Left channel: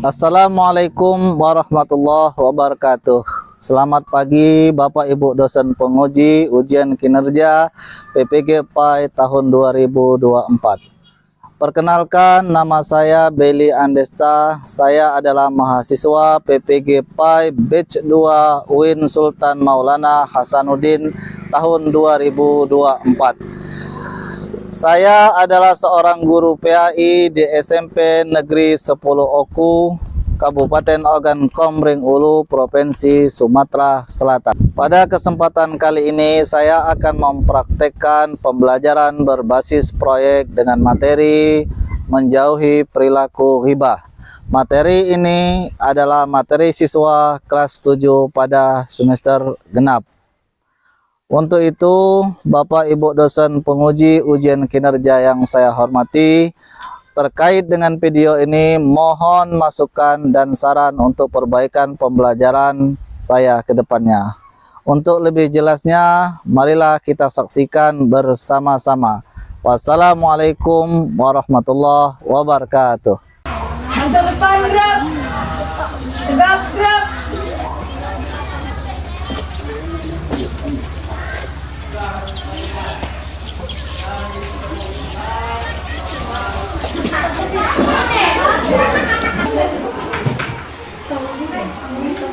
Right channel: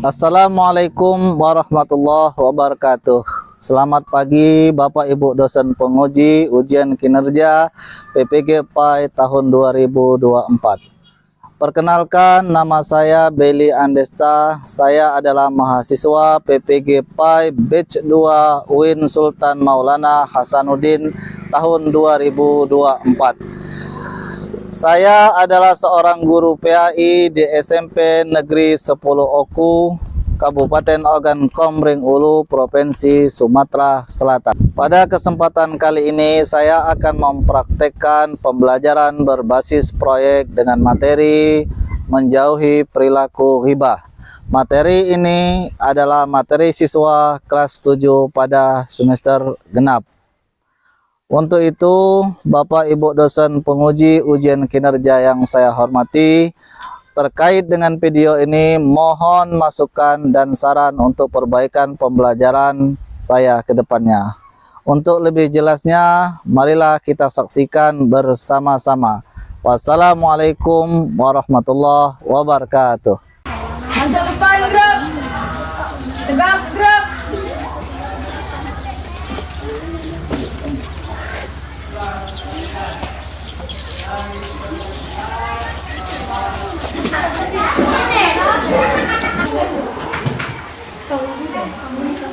Assalamualaikum warahmatullahi wabarakatuh. Selamat pagi Bapak Ibu dosen penguji ujian kinerja PPG PAI tahun 2024. Perkenalkan, nama saya Beli Andesta. Saya adalah mahasiswa PPG PAI Batch 2 UIN Sultan Maulana Hasanuddin tahun 2024. Saya adalah seorang guru PAI di SMP Negeri 10 Oku, Kabupaten Ogan Komering Ulu, Provinsi Sumatera Selatan. Pada kesempatan kali ini saya akan mempraktekkan pembelajaran berbasis proyek dengan materi menjauhi perilaku hibah. Materi ini adalah materi siswa kelas 7 pada semester genap. Untuk itu, Bapak Ibu dosen penguji ujian kinerja yang saya hormati, terkait dengan video ini mohon masukan dan saran untuk perbaikan pembelajaran saya ke depannya. Untuk lebih jelasnya, marilah kita saksikan bersama-sama. Wassalamualaikum warahmatullahi wabarakatuh. Mantap depan gerak, tegak gerak.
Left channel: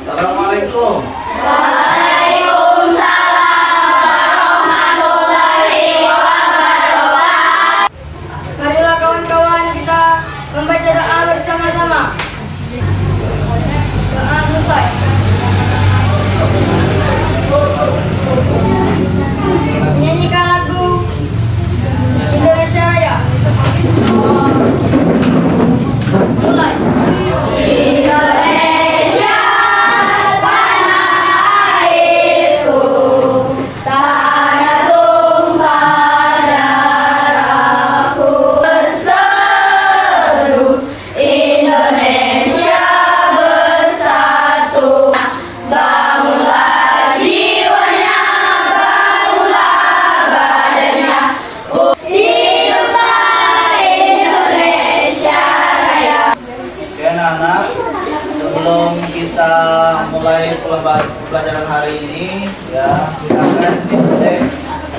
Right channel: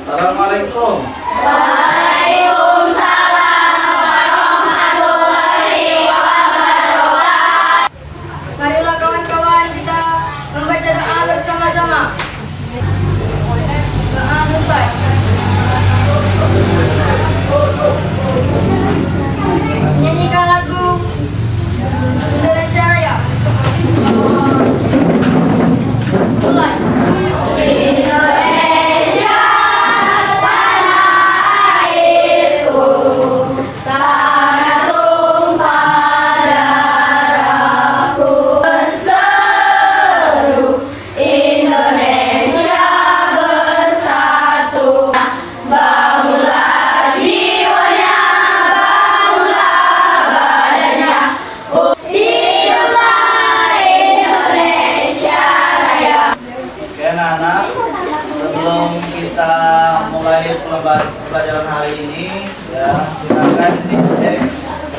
Assalamualaikum. Marilah kawan-kawan kita membaca doa bersama-sama. Doa selesai. Menyanyikan lagu Indonesia Raya. Mulai. Anak-anak, sebelum kita mulai pelajaran hari ini, ya silakan dicek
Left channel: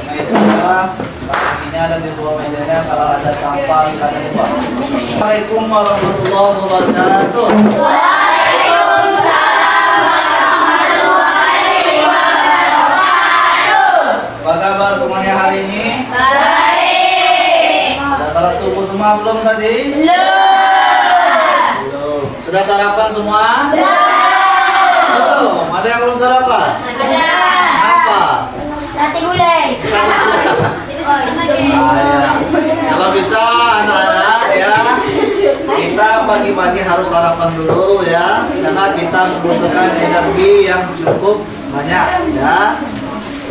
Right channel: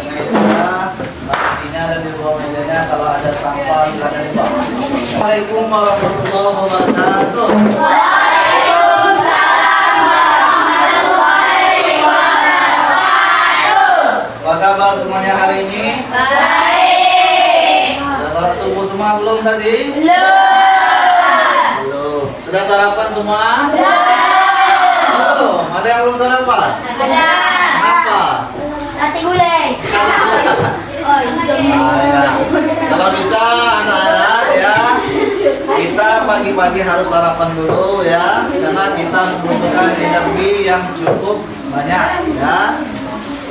meja, pastinya dan di bawah mejanya kalau ada sampah silakan dibuang. Assalamualaikum warahmatullahi wabarakatuh. Waalaikumsalam warahmatullahi wabarakatuh. Apa kabar semuanya hari ini? Baik. Sudah salat subuh semua belum tadi? Belum. Sudah sarapan semua? Belum. Ada yang belum sarapan? Ada. Apa? Nasi gulai. Ya. Kalau bisa anak-anak ya, kita pagi-pagi harus sarapan dulu ya, karena kita membutuhkan energi yang cukup banyak ya.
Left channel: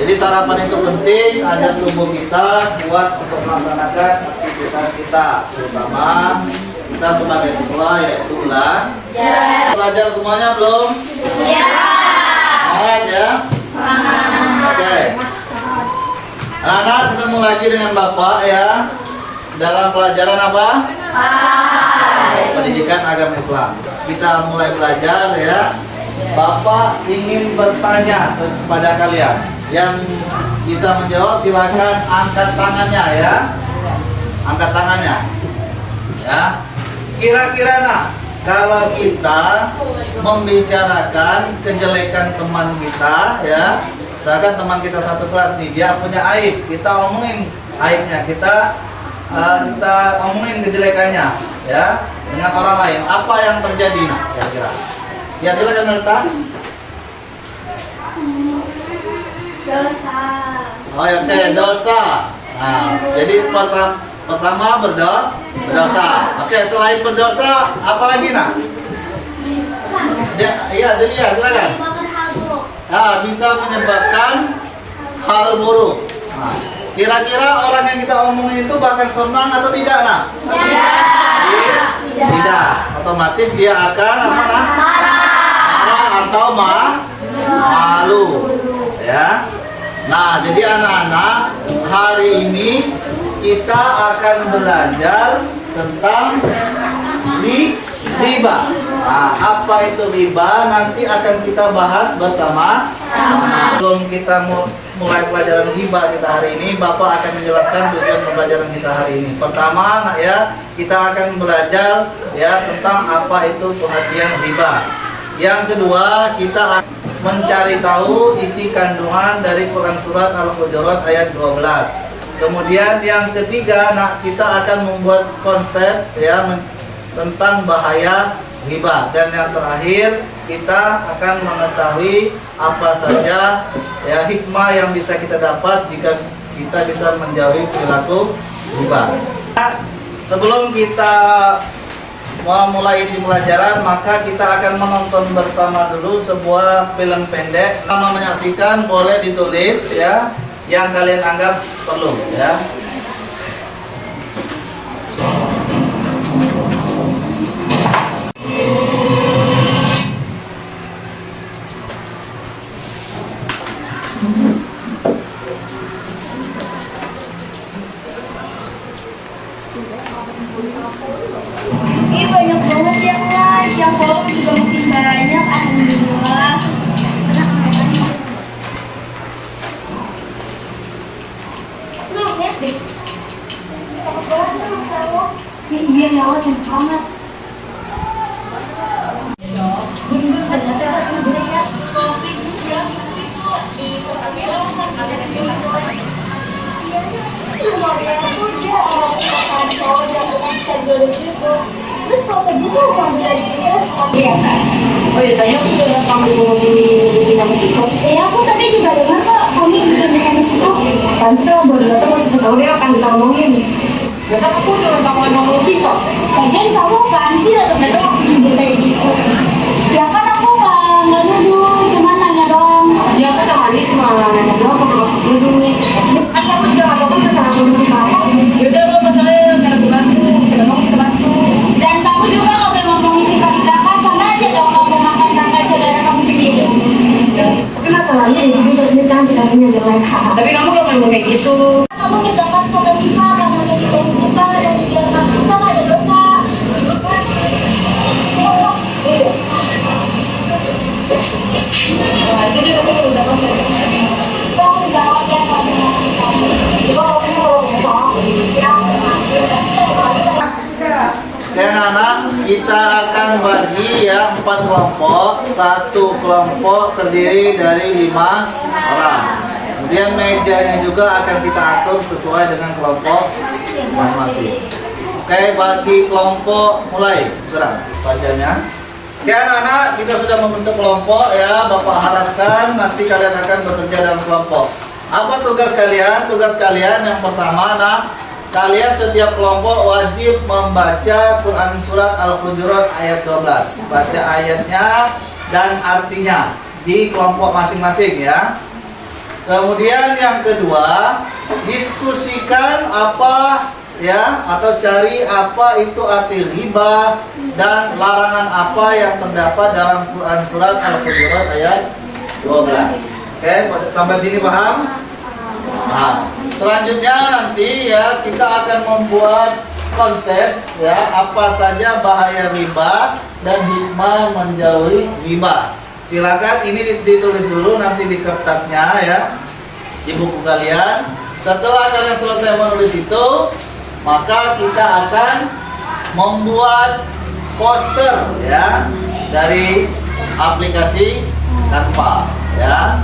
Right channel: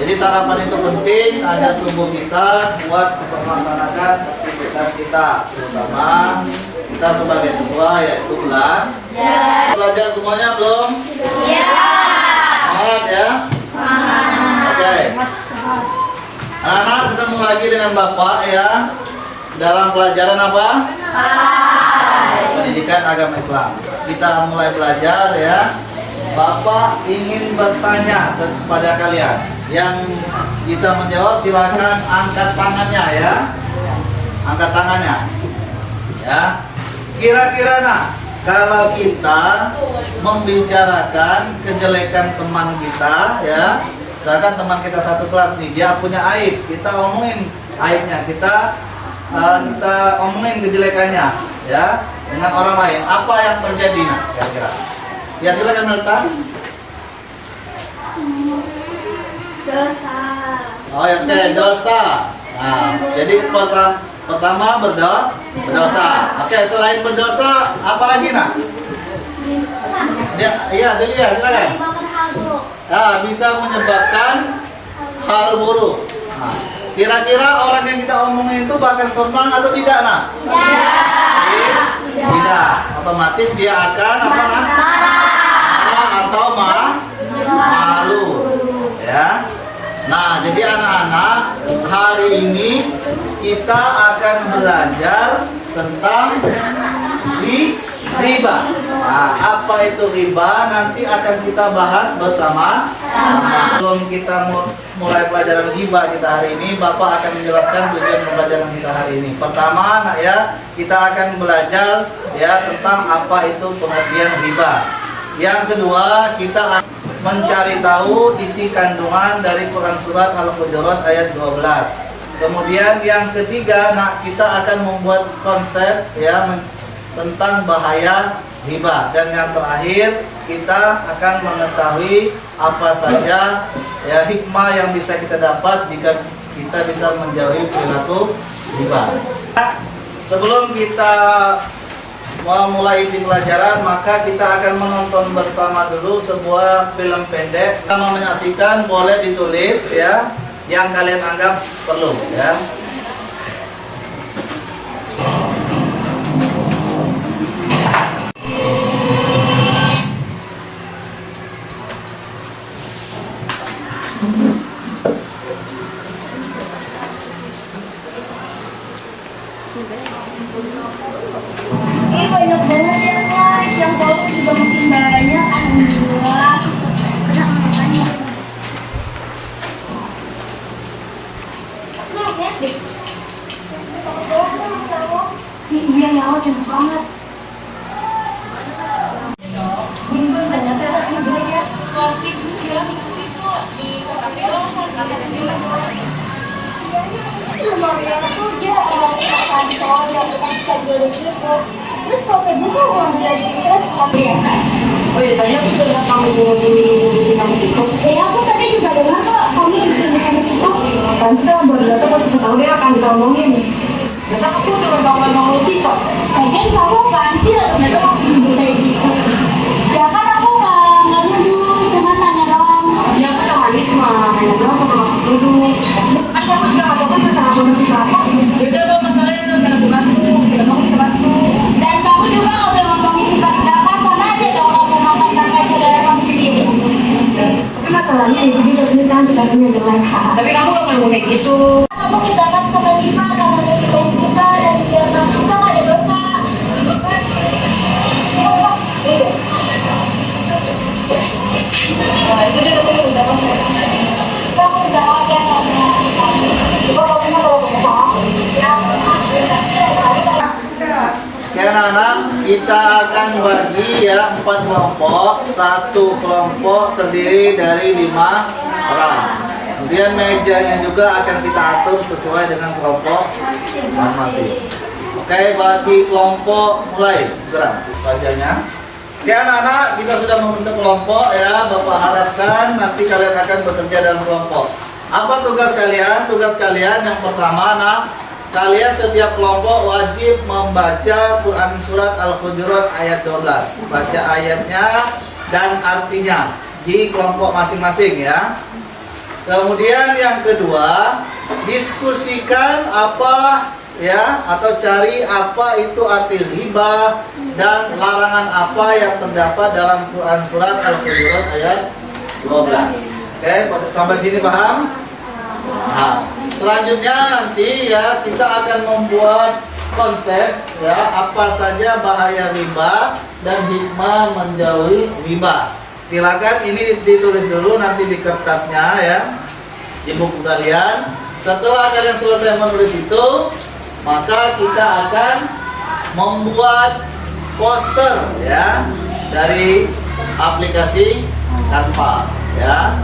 Jadi sarapan itu penting agar tubuh kita kuat untuk melaksanakan aktivitas kita, terutama kita sebagai siswa yaitu ulang. Ya. Belajar semuanya belum? Ya. Semangat ya. Oke. Anak-anak ketemu lagi dengan Bapak ya dalam pelajaran apa? Pendidikan agama Islam. Kita mulai belajar ya. Bapak ingin bertanya kepada kalian. Yang bisa menjawab silakan angkat tangannya ya. Angkat tangannya. Ya. Kira-kira nah, kalau kita membicarakan kejelekan teman kita ya, misalkan teman kita satu kelas nih, dia punya aib, kita omongin aibnya, kita omongin kejelekannya ya dengan orang lain, apa yang terjadi nah kira-kira? Ya silakan Melta. Dosa. Oh ya, dosa. Nah, jadi pertama berdosa. Oke, selain berdosa, apa lagi nak? Iya, Delia, silakan. Bisa menyebabkan hal buruk. Nah, kira-kira orang yang kita omongin itu bahkan senang atau tidak nak? Tidak. Otomatis dia akan apa nak? Marah atau malu. Ya. Nah, jadi anak-anak, hari ini kita akan belajar tentang riba. Nah, apa itu riba? Nanti akan kita bahas bersama. Sebelum kita mulai pelajaran riba kita hari ini, Bapak akan menjelaskan tujuan pembelajaran kita hari ini. Pertama, nak ya, kita akan belajar ya tentang apa itu pengertian riba. Yang kedua, kita akan mencari tahu isi kandungan dari Quran Surat Al-Hujurat ayat 12. Kemudian yang ketiga, nah, kita akan membuat konsep ya tentang bahaya riba. Dan yang terakhir, kita akan mengetahui apa saja ya hikmah yang bisa kita dapat jika kita bisa menjauhi perilaku riba. Nah, sebelum kita memulai di pelajaran, maka kita akan menonton bersama dulu sebuah film pendek. Kalau menyaksikan boleh ditulis ya yang kalian anggap perlu ya. Ini banyak banget yang like, yang follow juga makin banyak. Alhamdulillah. Lu lihat deh. Takut banget sama kamu. Iya, nggak cantik banget. Bun, ternyata aku ya. Kopi ya, itu di lumayan tuh dia makan soda, bukan schedule gitu. Terus kalau kayak gitu orang dari Pinterest kan ya. Oh iya, tadi aku dengar kamu ngomongin kamu itu. Ya aku tadi juga dengar kok kamu bisa bikin itu. Nanti kalau baru datang mau susah tahu dia akan kita ngomongin. Gak tau aku udah bangun sih kok. Lagian kamu apaan sih datang aku tidur kayak gitu. Ya kan aku nggak nuduh, cuma nanya doang. Iya aku sama dia cuma nanya doang kok belum dulu. Aku juga nggak tahu kan sama aku masih sama. Yaudah lo masalahnya karena bantu, kita mau kita bantu. Dan kamu juga kalau memang mau ngisi pakai kakak sama aja dong kalau mau makan kakak saudara kamu sendiri. Tapi masalahnya ya jadi buat kita nanti katanya jelek. Tapi kamu gak ngomong kayak gitu. Kamu kita kan pakai 5 karena udah kita juga dari biasa kita nggak ada dosa. Nah itu dia kamu udah ngomong. Kamu udah oke kamu. Coba kamu kalau ngomong sama aku. Oke anak-anak, kita akan bagi ya 4 kelompok. Satu kelompok terdiri dari 5 orang. Kemudian mejanya juga akan kita atur sesuai dengan kelompok masing-masing. Oke, bagi kelompok mulai gerak wajahnya. Oke anak-anak, kita sudah membentuk kelompok ya. Bapak harapkan nanti kalian akan bekerja dalam kelompok. Apa tugas kalian? Tugas kalian yang pertama, anak, kalian setiap kelompok wajib membaca Quran Surat Al-Hujurat ayat 12. Baca ayatnya dan artinya di kelompok masing-masing ya. Kemudian yang kedua, diskusikan apa ya atau cari apa itu arti riba dan larangan apa yang terdapat dalam Quran Surat Al-Hujurat ayat 12. Oke, sampai sini paham? Nah, selanjutnya nanti ya kita akan membuat konsep ya apa saja bahaya riba dan hikmah menjauhi riba. Silakan ini ditulis dulu nanti di kertasnya ya di buku kalian. Setelah kalian selesai menulis itu, maka kita akan membuat poster ya dari aplikasi Canva ya.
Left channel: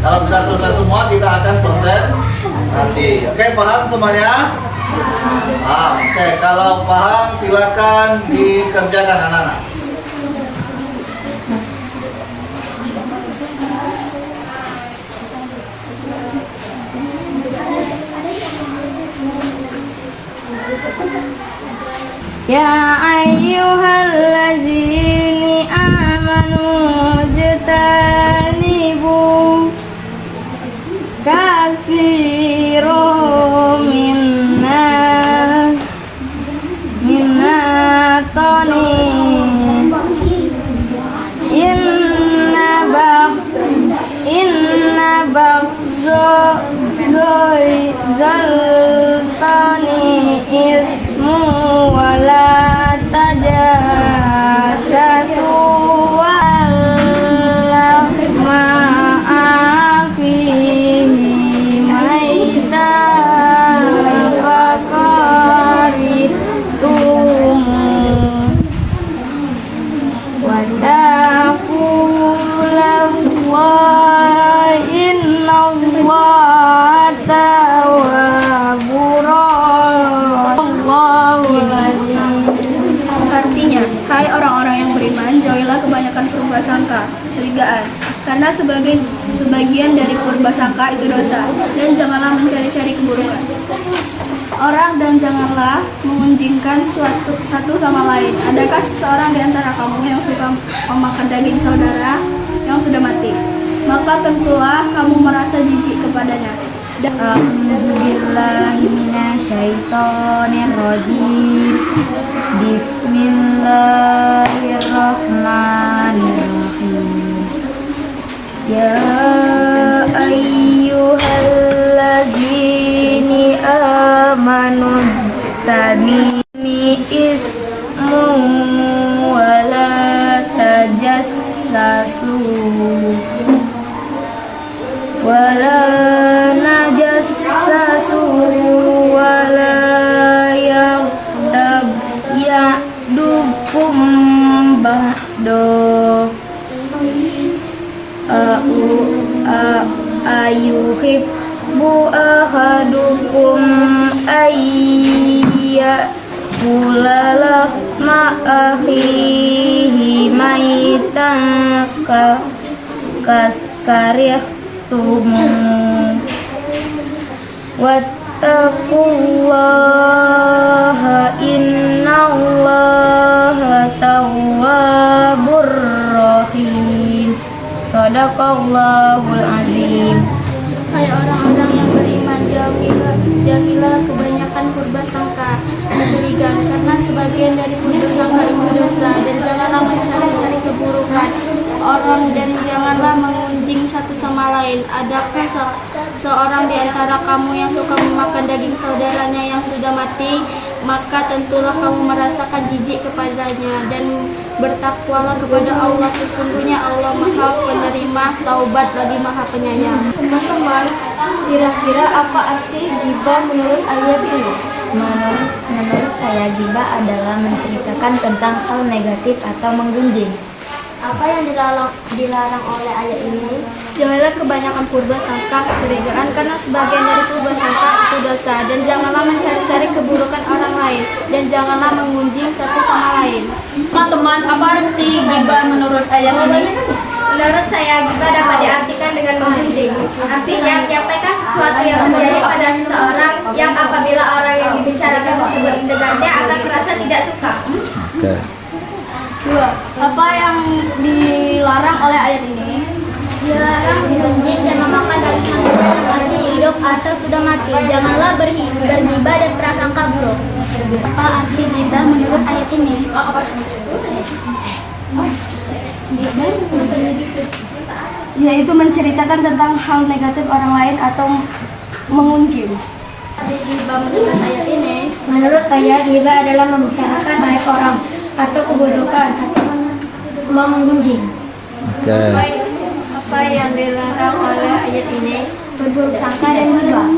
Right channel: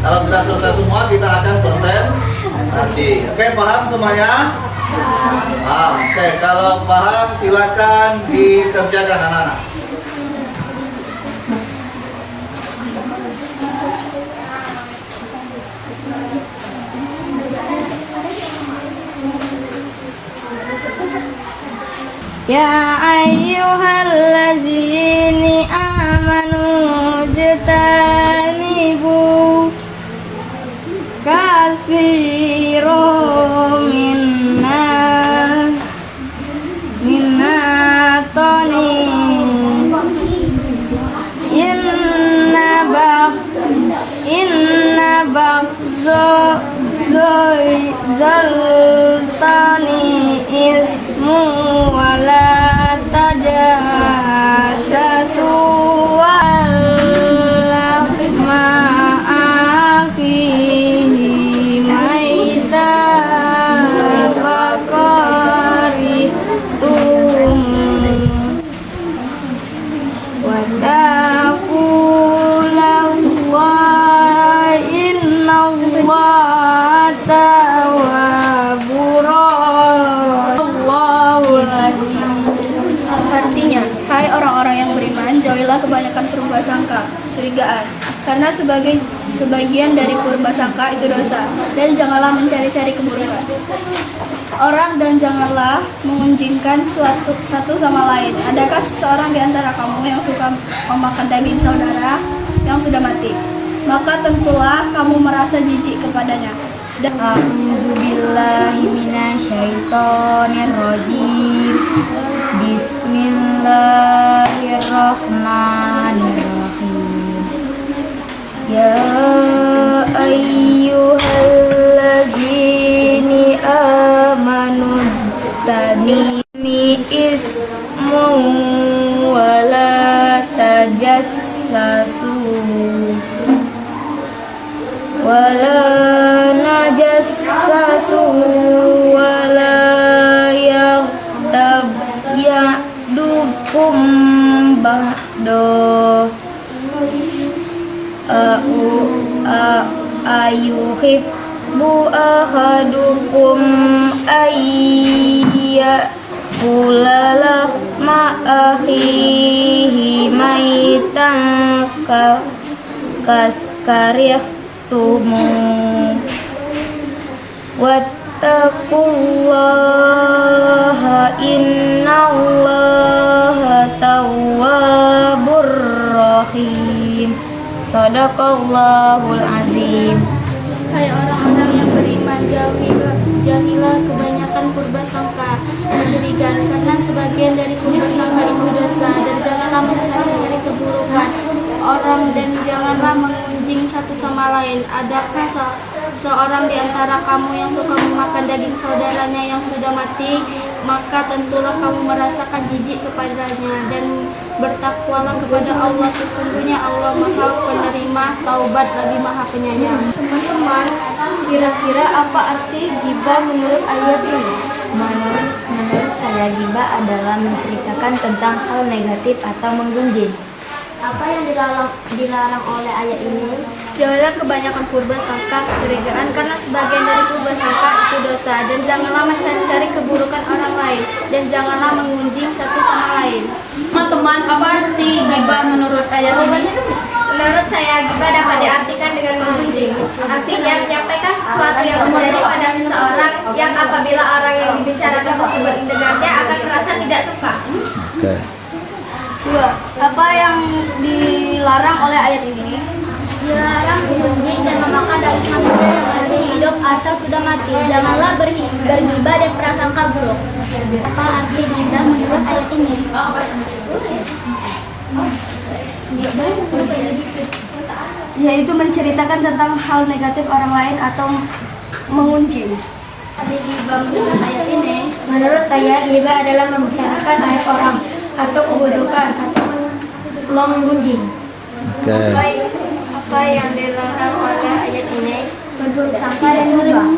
Kalau sudah selesai semua, kita akan presentasi. Oke, paham semuanya? Paham. Oke, kalau paham silakan dikerjakan anak-anak. Ya ayyuhallazina amanu jtanibu kasirum minna toni inna bagzo zaltani ismu wala tawwabur Allahul azim. Artinya, hai orang-orang yang beriman, jauhilah kebanyakan prasangka, kecurigaan, karena sebagian dari prasangka itu dosa, dan janganlah mencari-cari keburukan orang, dan janganlah mengunjingkan satu sama lain. Adakah seseorang di antara kamu yang suka memakan daging saudara yang sudah mati? Maka tentulah kamu merasa jijik kepadanya. A'udzubillahi minasyaitonirrajim. Bismillahirrahmanirrahim. Ya ayyuhalladzina amanu jtanibu ismu wala tajassasu wala najassasu wala yaghtab ya'dukum ba'do ayuhibbu ahadukum ayya kulalah ma'akhihi maitan kaskarih tumu wattaqullaha innallaha tawwabur rahim. Shadaqallahul azim. Hai orang-orang yang beriman, jauhilah kebanyakan prasangka, kecurigaan, karena sebagian dari prasangka itu dosa, dan janganlah mencari-cari keburukan orang, dan janganlah mengunjing satu sama lain. Adakah seorang di antara kamu yang suka memakan daging saudaranya yang sudah mati? Maka tentulah kamu merasakan jijik kepadanya, dan bertakwalah kepada Allah, sesungguhnya Allah Maha Penerima Taubat lagi Maha Penyayang. Teman-teman, kira-kira apa arti ghibah menurut ayat ini? Menurut saya, ghibah adalah menceritakan tentang hal negatif atau menggunjing. Apa yang dilarang oleh ayat ini? Jauhilah kebanyakan prasangka, kecurigaan, karena sebagian dari prasangka itu dosa, dan janganlah mencari-cari keburukan orang lain, dan janganlah mengunjing satu sama lain. Teman-teman, apa arti ghibah menurut ayat ini? Menurut saya, ghibah dapat diartikan dengan menggunjing. Artinya, menyampaikan sesuatu yang terjadi pada seseorang yang apabila orang yang dibicarakan tersebut mendengarnya akan merasa tidak suka. Oke. Apa yang dilarang oleh ayat ini? Dilarang menggunjing dan memakan daging manusia yang masih hidup atau sudah mati. Janganlah berghibah dan prasangka buruk. Apa arti ghibah menurut ayat ini? Yaitu menceritakan tentang hal negatif orang lain atau mengunjing. Arti ghibah menurut ayat ini? Menurut saya, ghibah adalah membicarakan aib orang atau keburukan atau menggunjing. Oke. Apa yang dilarang oleh ayat ini? Berburuk sangka dan ghibah.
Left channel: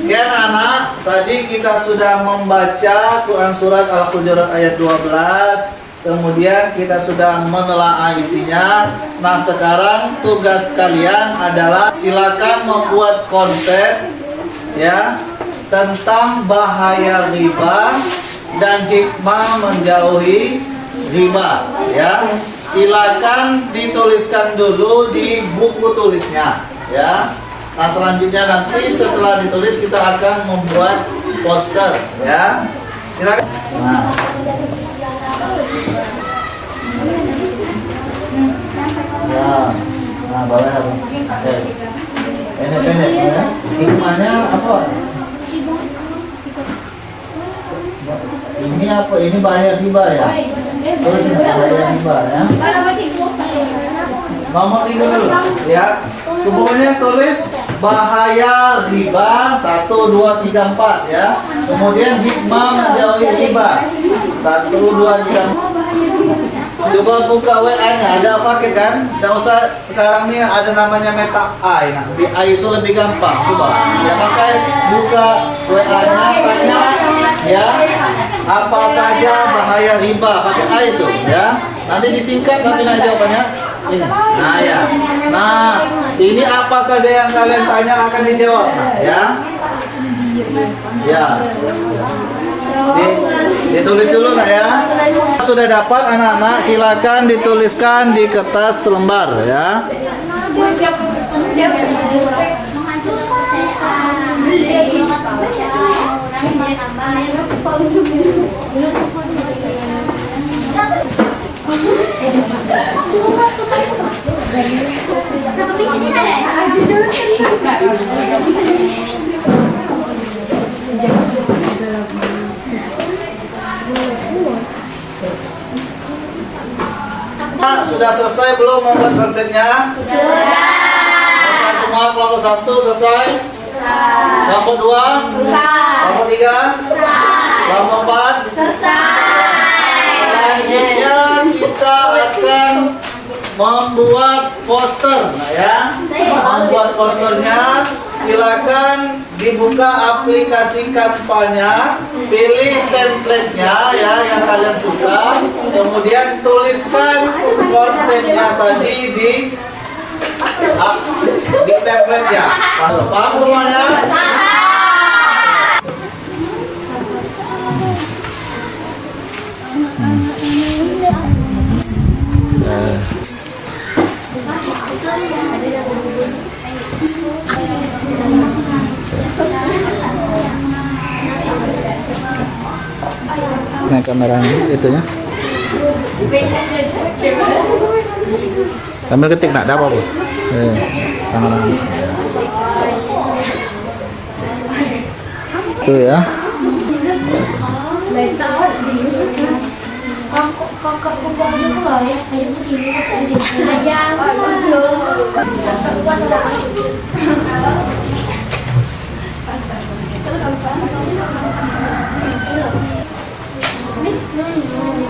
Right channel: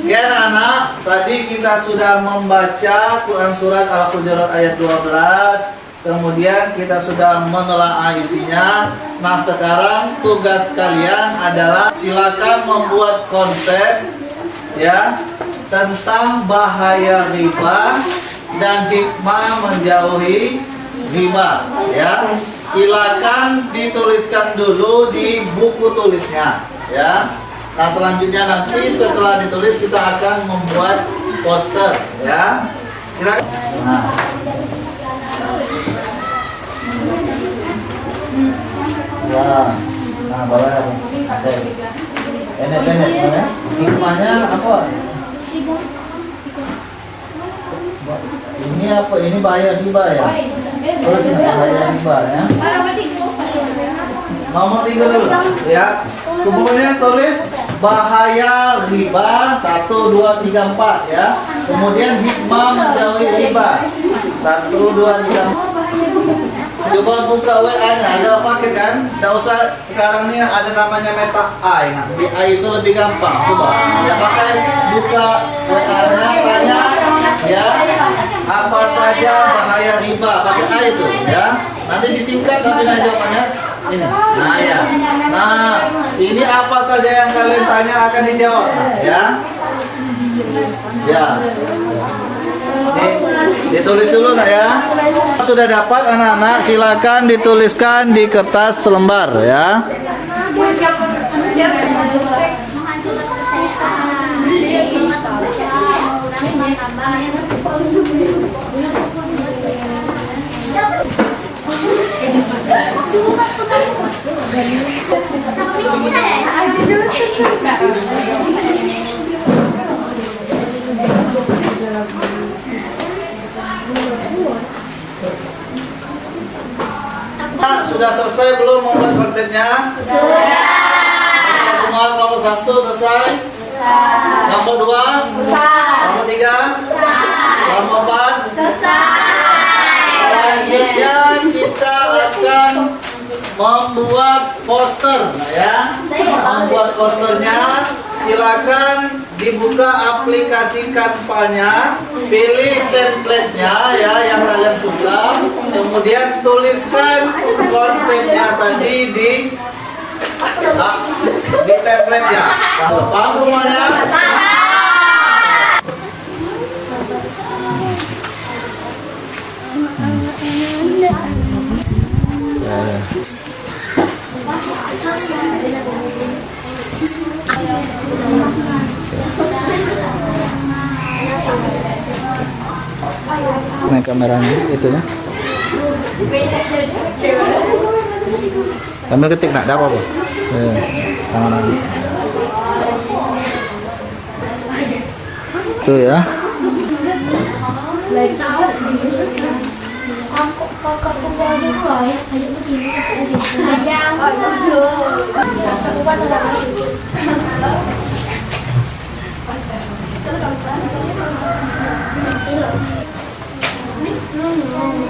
Oke anak-anak, tadi kita sudah membaca Quran Surat Al-Hujurat ayat 12. Kemudian kita sudah menelaah isinya. Nah sekarang tugas kalian adalah silakan membuat konsep ya tentang bahaya ghibah dan hikmah menjauhi ghibah ya. Silakan dituliskan dulu di buku tulisnya ya. Nah selanjutnya nanti setelah ditulis kita akan membuat poster ya. Silakan. Ya. Nah, bawah ya, Bu. Pendek-pendek ya. Hikmahnya apa? Ini apa? Ini bahaya ghibah ya. Terus ini bahaya ghibah ya. Nomor 3 dulu ya. Kemudian tulis bahaya ghibah 1 2 3 4 ya. Kemudian hikmah menjauhi ghibah 1 2 3 4. Coba buka WA-nya, ada paket kan? Tidak usah sekarang nih ada namanya meta AI. Nah, di AI itu lebih gampang. Coba ya pakai buka WA-nya, tanya ya apa saja bahaya riba, pakai AI itu ya. Nanti disingkat tapi nah jawabannya ini. Nah ya. Nah, ini apa saja yang kalian tanya akan dijawab, ya. Ya. Ditulis dulu nak ya. Sudah dapat anak-anak, silakan dituliskan di kertas selembar ya. Sudah selesai belum membuat konsepnya? Sudah. Selesai semua kelompok 1 selesai? Kelompok 2? Kelompok 3? Kelompok 4? Selanjutnya kita akan membuat poster, nah ya. Membuat posternya, silakan dibuka aplikasi Canva-nya, pilih template-nya ya yang kalian suka, kemudian tuliskan konsepnya tadi di template-nya. Paham semuanya? Nah kameranya itunya. Sambil ketik nak ada apa? Tangan. Tuh ya.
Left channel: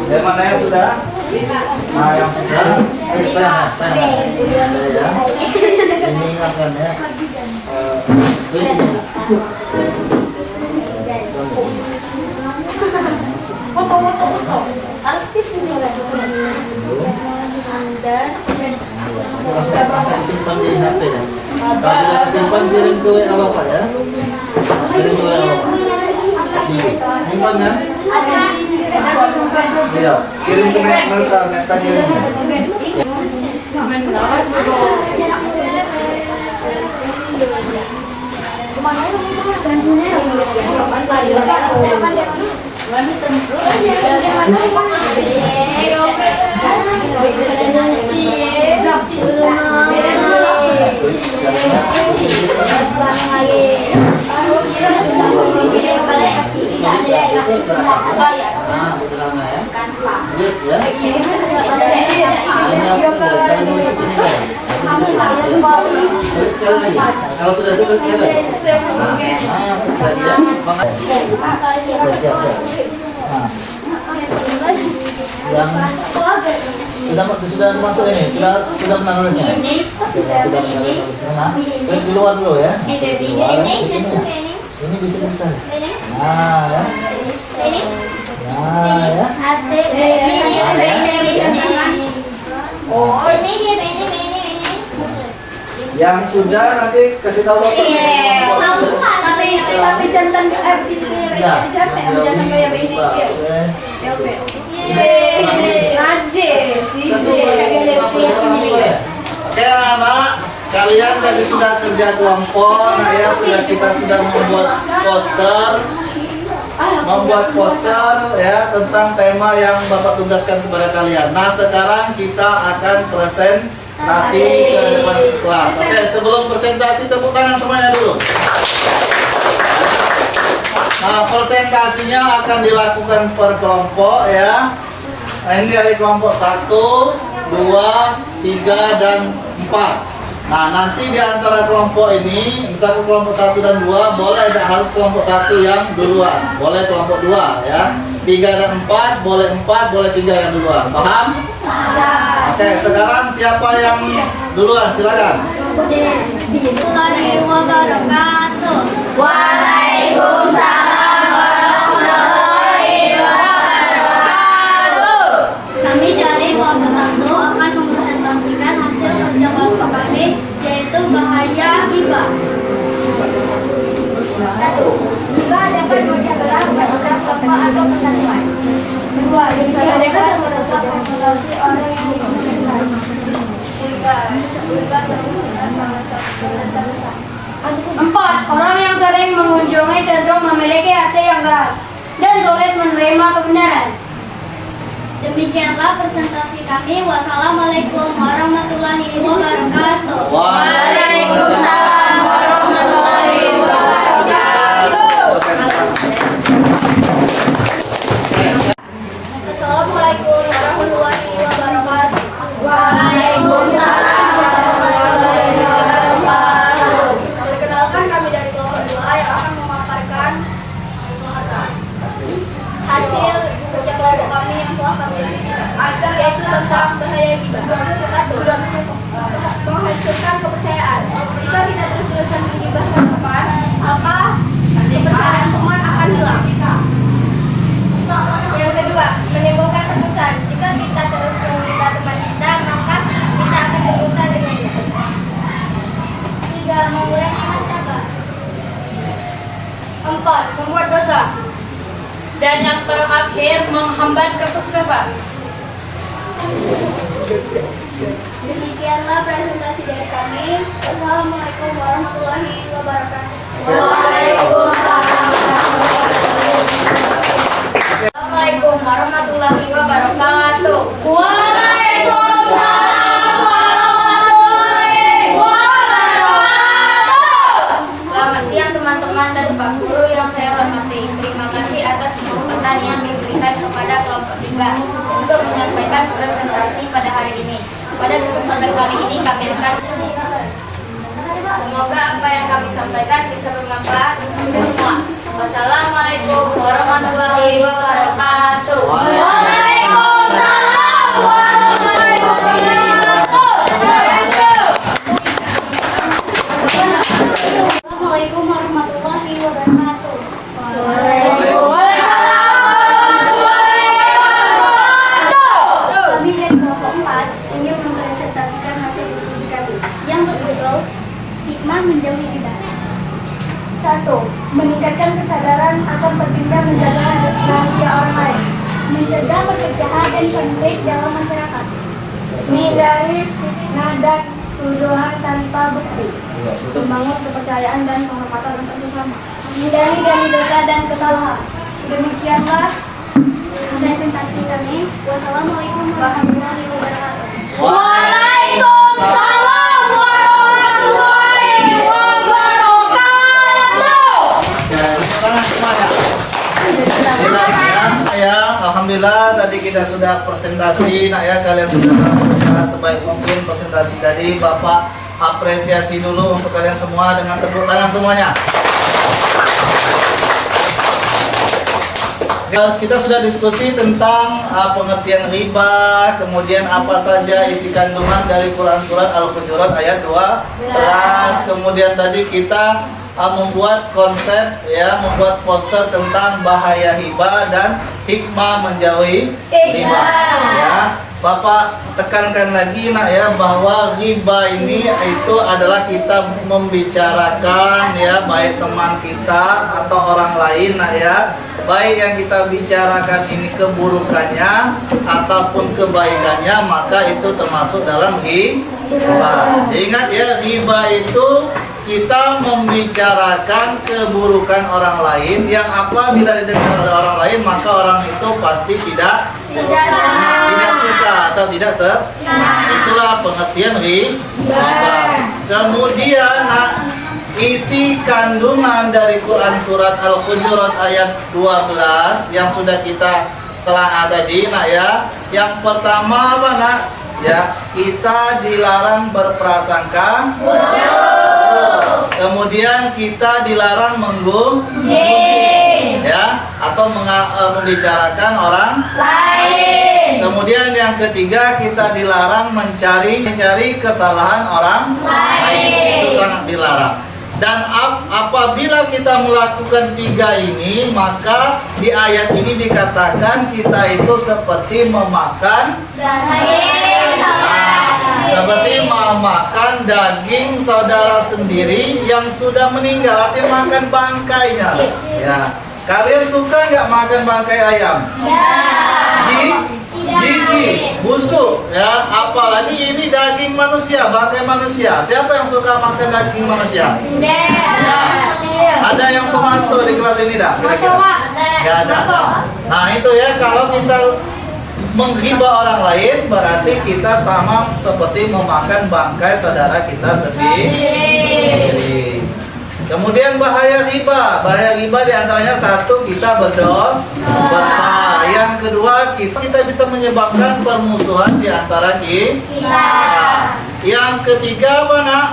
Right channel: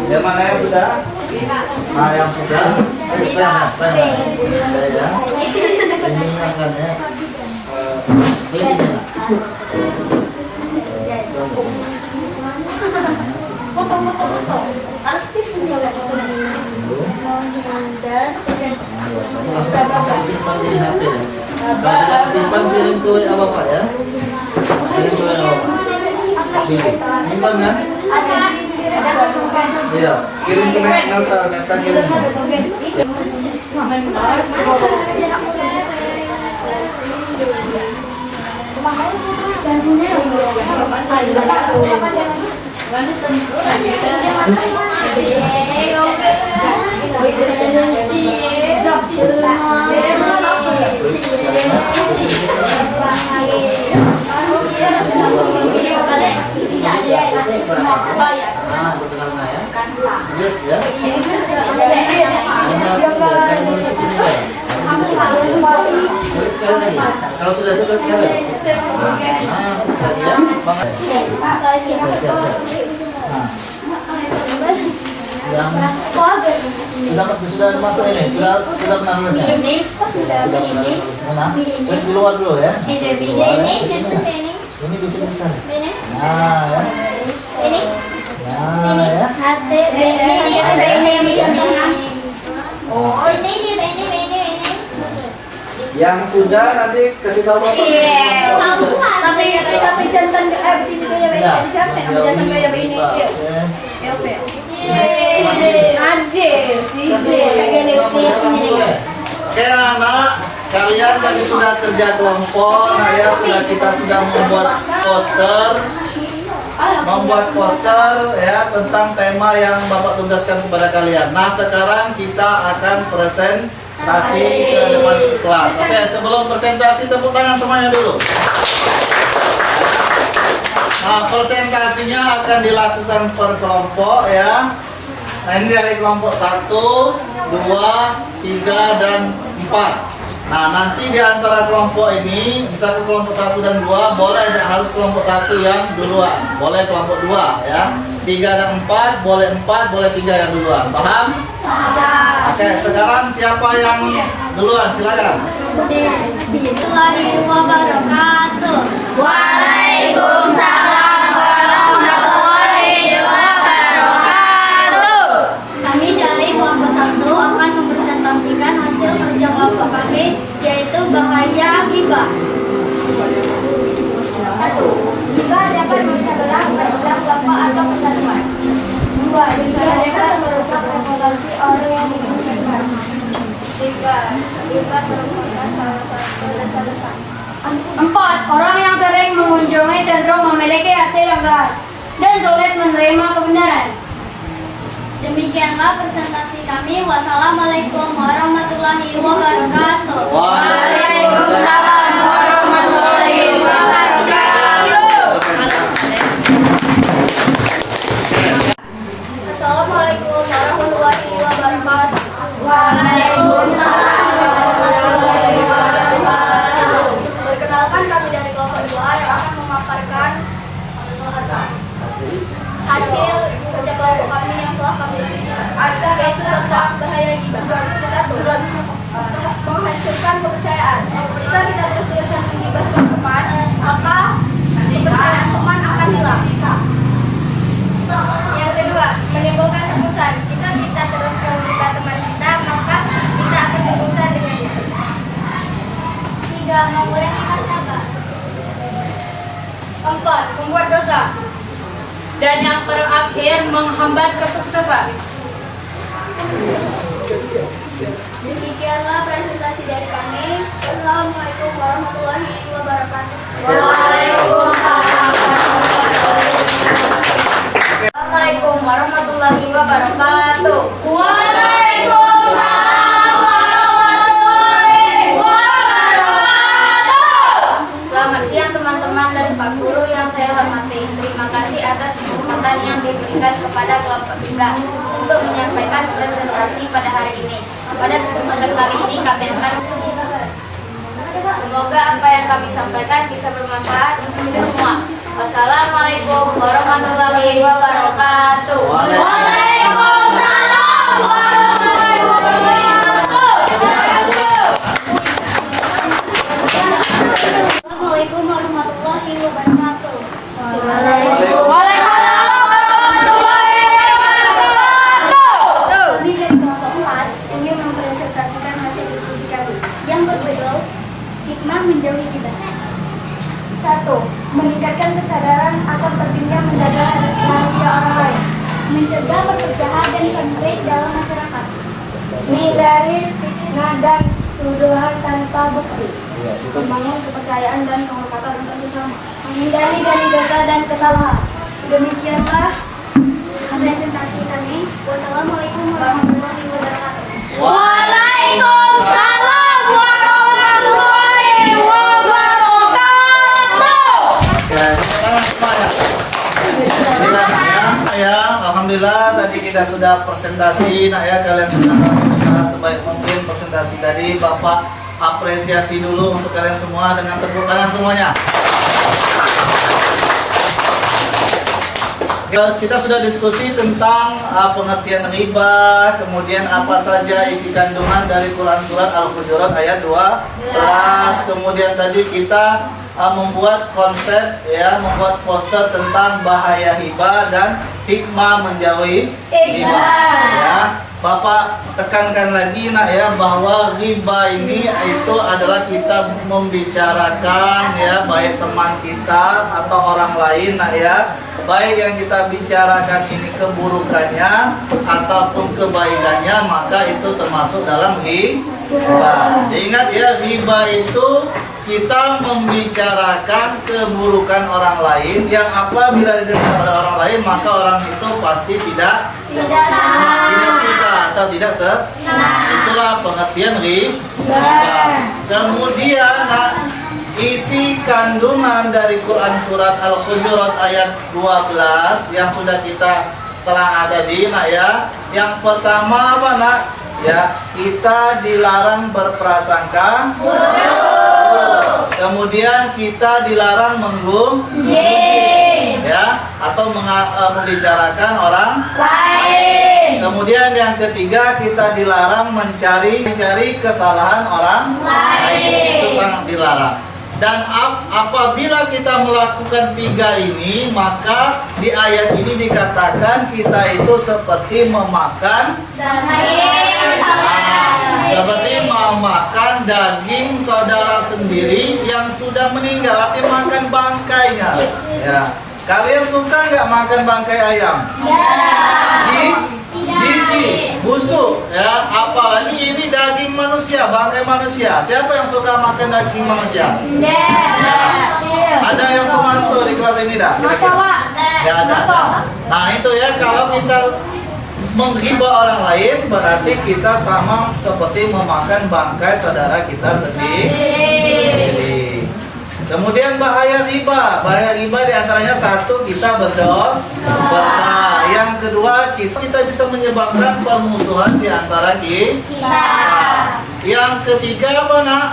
Yang mana yang sudah? Nah, yang sudah. Ya. Ini akan ya. Foto. Artis ini langsung simpan di HP ya. Kalau sudah simpan kirim ke WA Bapak ya. Kirim ke WA Bapak. Simpan ya? Iya, kirim ke Meta kirim. Nah, sederhana ya. Lanjut ya. Ini saya nulis di sini kan. Klik sekali lagi. Kalau sudah itu klik sekali lagi. Nah, ya. Banget. Siap. Nah. Yang sudah masuk ini, sudah pernah nulisnya. Sudah pernah nulisnya. Nah, klik keluar dulu ya. Keluar. Ini bisa. Nah, ya. Nah, ya. Oh, ini. Yang sudah nanti kasih tahu Bapak. Tapi jantan Oke anak, kalian tadi sudah kerja kelompok, nah ya kita sudah membuat poster ya tentang tema yang Bapak tugaskan kepada kalian. Nah sekarang kita akan presentasi ke depan kelas. Oke, sebelum presentasi tepuk tangan semuanya dulu. Nah presentasinya akan dilakukan per kelompok ya. Nah ini dari kelompok 1, 2, 3, dan 4. Nah nanti di antara kelompok ini, misalnya kelompok 1 dan 2, boleh tidak harus kelompok 1 yang duluan, boleh kelompok 2 ya. 3 dan 4, boleh 4, boleh 3 yang duluan. Paham? Oke, sekarang siapa yang duluan? Silakan. Warahmatullahi wabarakatuh. Waalaikumsalam warahmatullahi wabarakatuh. Kami dari kelompok 1 akan mempresentasikan ghibah. 1. Ghibah dapat memecah belah umat Islam, kelompok atau persatuan. 2. Ghibah dapat merusak reputasi orang yang dimuliakan. 3. Ghibah merupakan salah satu dosa besar. 4. Orang yang sering mengunjungi cenderung memiliki hati yang keras dan sulit menerima kebenaran. Demikianlah presentasi kami. Wassalamualaikum warahmatullahi wabarakatuh. Waalaikumsalam warahmatullahi wabarakatuh. Assalamualaikum warahmatullahi wabarakatuh. Waalaikumsalam warahmatullahi wabarakatuh. Perkenalkan, kami dari kelompok 2 yang akan memaparkan hasil kerja kelompok kami yang telah kami diskusikan, yaitu tentang bahaya ghibah. 1. Menghancurkan kepercayaan. Jika kita terus-terusan menggibah teman, maka kepercayaan teman akan hilang. Yang kedua, menimbulkan tebusan. Jika kita terus menggibah teman kita, maka kita akan berurusan dengan dia. 3. Mengurangi martabat. 4. Membuat dosa. Dan yang terakhir, menghambat kesuksesan. Demikianlah presentasi dari kami. Wassalamualaikum warahmatullahi wabarakatuh. Assalamualaikum warahmatullahi wabarakatuh. Waalaikumsalam warahmatullahi wabarakatuh. Selamat siang teman-teman dan Pak Guru yang saya hormati. Terima kasih atas kesempatan yang diberikan kepada kelompok 3 untuk menyampaikan presentasi pada hari ini. Pada kesempatan kali ini kami akan semoga apa yang kami sampaikan bisa bermanfaat untuk kita semua. Wassalamualaikum warahmatullahi wabarakatuh. Waalaikumsalam warahmatullahi wabarakatuh. Assalamualaikum warahmatullahi wabarakatuh. Kami dari kelompok 4 ingin mempresentasikan hasil diskusi kami yang berjudul hikmah menjauhi ghibah. 1. Meningkatkan kesadaran akan pentingnya menjaga rahasia orang lain, mencegah perpecahan dan konflik dalam masyarakat, menghindari fitnah dan tuduhan tanpa bukti, membangun kepercayaan dan penghormatan antar sesama, menghindari dari dosa dan kesalahan. Demikianlah presentasi kami. Wassalamualaikum warahmatullahi wabarakatuh. Waalaikumsalam warahmatullahi wabarakatuh. Ya, alhamdulillah tadi kita sudah presentasi, nak ya, kalian sudah berusaha sebaik mungkin presentasi tadi. Bapak apresiasi dulu untuk kalian semua dengan tepuk tangan semuanya. Kita sudah diskusi tentang pengertian riba, kemudian apa saja isi kandungan dari Quran Surat Al-Hujurat ayat 12. Kemudian tadi kita membuat konsep, ya, membuat poster tentang bahaya riba dan hikmah menjauhi riba. Ya, Bapak tekankan lagi, nak ya, bahwa riba ini itu adalah kita membicarakan, ya, baik teman kita atau orang lain, nak ya, baik yang kita bicarakan ini keburukannya ataupun kebaikannya, maka itu termasuk dalam riba. Ingat ya, riba itu kita membicarakan keburukan orang lain yang apabila didengar oleh orang lain, maka orang itu pasti tidak suka atau tidak itulah pengertian riba. Kemudian isi kandungan dari Quran Surat Al-Hujurat ayat 12 yang sudah kita telah tadi, nak ya. Yang pertama apa, nak? Ya, kita dilarang berprasangka buruk. Kemudian kita dilarang menggunjing, ya, atau membicarakan orang lain. Kemudian yang ketiga, kita dilarang mencari kesalahan orang lain. Itu sangat dilarang. Dan apabila kita melakukan tiga ini, maka di ayat ini dikatakan kita itu seperti memakan Seperti makan daging saudara sendiri yang sudah meninggal, artinya makan bangkainya. Ya. Kalian suka nggak makan bangkai ayam? Jijik, busuk, ya. Apalagi ini daging manusia, bangkai manusia. Siapa yang suka makan daging manusia? Ada yang semanto di kelas ini dah? Kira-kira? Nggak ada. Nah itu ya, kalau kita menghibah orang lain berarti kita sama seperti memakan bangkai saudara kita sendiri. Kemudian bahaya riba diantaranya satu, kita berdosa. Yang kedua, kita bisa menyebabkan permusuhan di antara kita. Yang ketiga apa nak?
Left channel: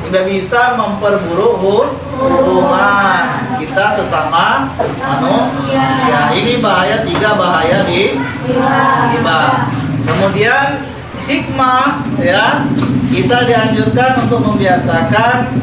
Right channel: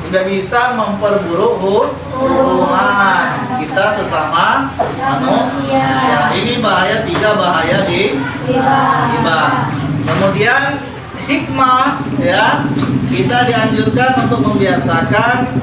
Tidak bisa memperburuk hubungan kita sesama manusia. Ini bahaya, 3 bahaya riba. Kemudian hikmah, ya, kita dianjurkan untuk membiasakan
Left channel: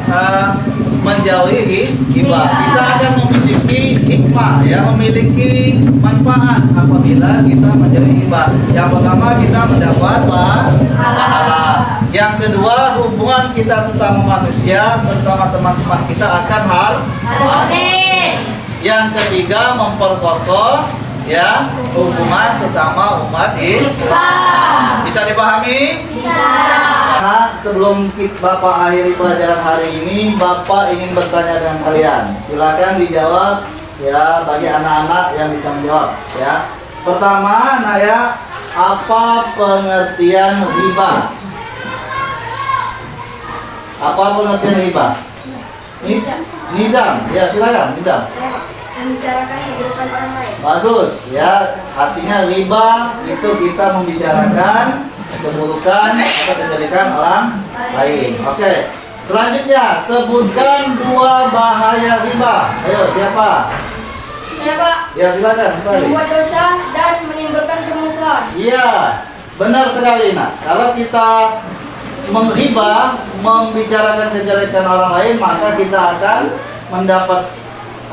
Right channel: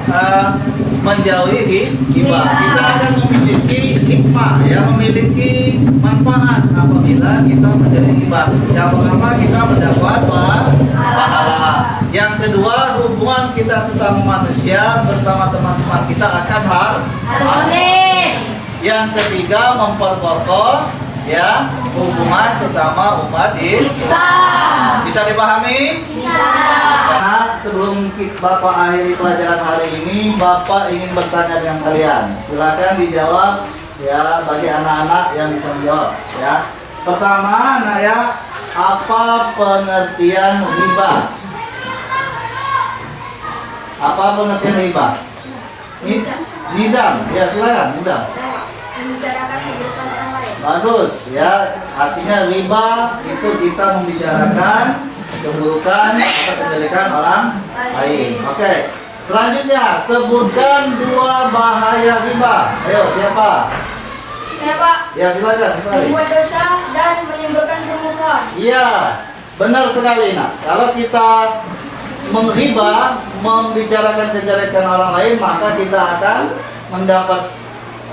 menjauhi hibah. Kita akan memiliki hikmah, ya, memiliki manfaat apabila kita menjauhi hibah. Yang pertama, kita mendapat pahala. Yang kedua, hubungan kita sesama manusia bersama teman-teman kita akan harmonis. Yang ketiga, memperkokoh, ya, hubungan sesama umat Islam. Bisa dipahami? Nah, sebelum Bapak akhiri pelajaran hari ini, Bapak ingin bertanya dengan kalian. Silakan dijawab, ya, bagi anak-anak yang bisa menjawab, ya. Pertama, nah ya, apa pengertian riba? Apa pengertian riba? Nizam, ya silakan, Nizam. Membicarakan kehidupan orang lain. Bagus, ya. Artinya riba itu kita membicarakan keburukan atau kejelekan orang lain. Oke. Selanjutnya, sebutkan 2 bahaya riba. Ayo, siapa? Ya Pak, Ya, silakan. membuat dosa dan menimbulkan permusuhan. Iya, benar sekali. Nah, kalau kita menghibah, membicarakan kejelekan orang lain, maka kita akan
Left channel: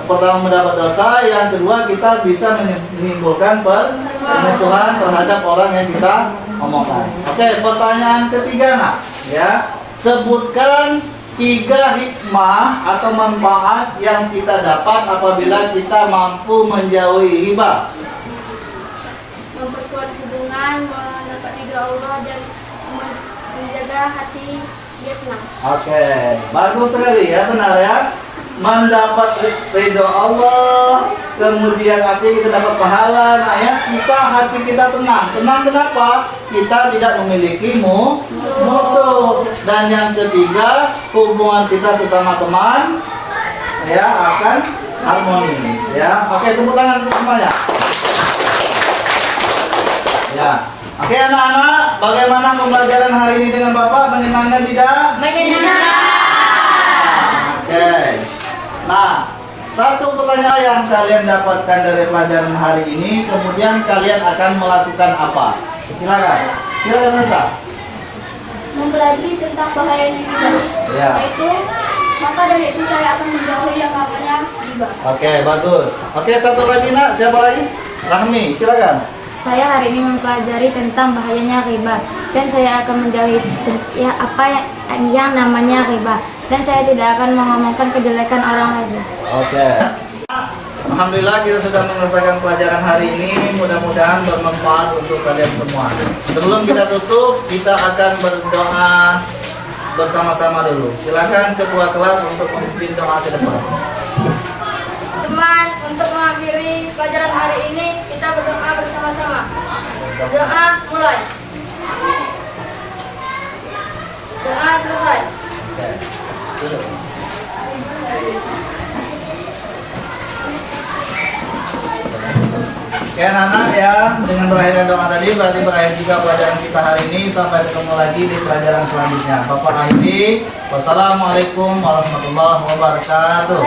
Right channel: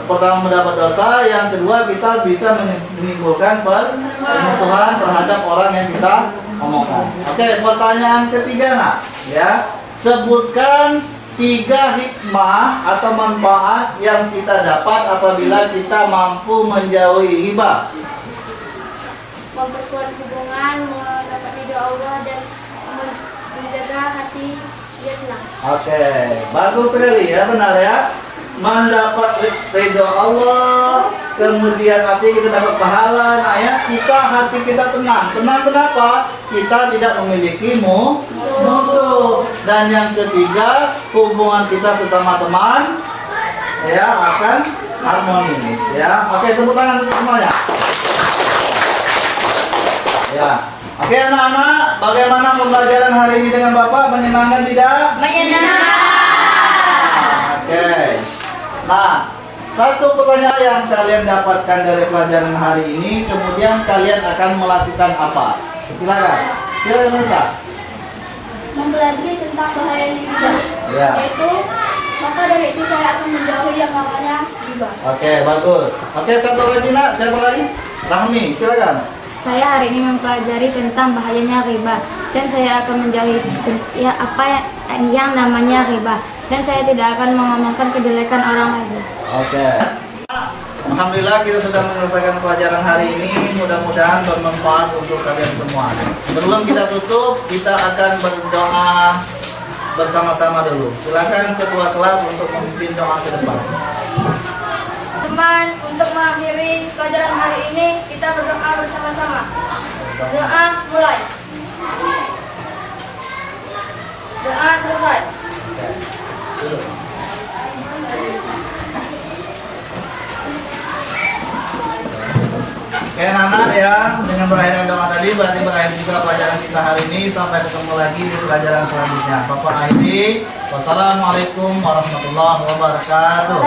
pertama mendapat dosa, yang kedua kita bisa menimbulkan permusuhan terhadap orang yang kita omongkan. Oke, pertanyaan ketiga nak, ya, sebutkan 3 hikmah atau manfaat yang kita dapat apabila kita mampu menjauhi hibah. Memperkuat hubungan, mendapat ridho Allah, dan menjaga hati biar tenang. Oke, bagus sekali ya, benar ya. Mendapat ridho Allah, kemudian hati kita dapat pahala. Nah ya, hati kita tenang. Tenang kenapa? Kita tidak memiliki musuh. Dan yang ketiga, hubungan kita sesama teman, ya, akan harmonis, ya. Oke, tepuk tangan untuk semuanya. Ya. Oke anak-anak, bagaimana pembelajaran hari ini dengan Bapak? Menyenangkan tidak? Oke. Nah, satu pertanyaan yang kalian dapatkan dari pelajaran hari ini, kemudian kalian akan melakukan apa? Silakan. Silakan Kak. Mempelajari tentang bahaya riba. Ya. Yaitu, maka dari itu saya akan menjauhi yang namanya riba. Oke, bagus. Oke, satu lagi nak, siapa lagi? Rahmi, silakan. Saya hari ini mempelajari tentang bahayanya riba dan saya akan menjauhi yang namanya riba dan saya tidak akan mengomongkan kejelekan orang lain. Oke. Alhamdulillah kita sudah menyelesaikan pelajaran hari ini. Mudah-mudahan bermanfaat untuk kalian semua. Sebelum kita tutup, kita akan berdoa bersama-sama dulu. Silakan ketua kelas untuk memimpin doa ke depan. Teman, untuk mengakhiri pelajaran hari ini, kita berdoa bersama-sama. Doa mulai. Doa selesai. Oke. Duduk. Oke anak-anak ya, dengan berakhirnya doa tadi berarti berakhir juga pelajaran kita hari ini. Sampai ketemu lagi di pelajaran selanjutnya. Bapak akhiri. Wassalamualaikum warahmatullahi wabarakatuh.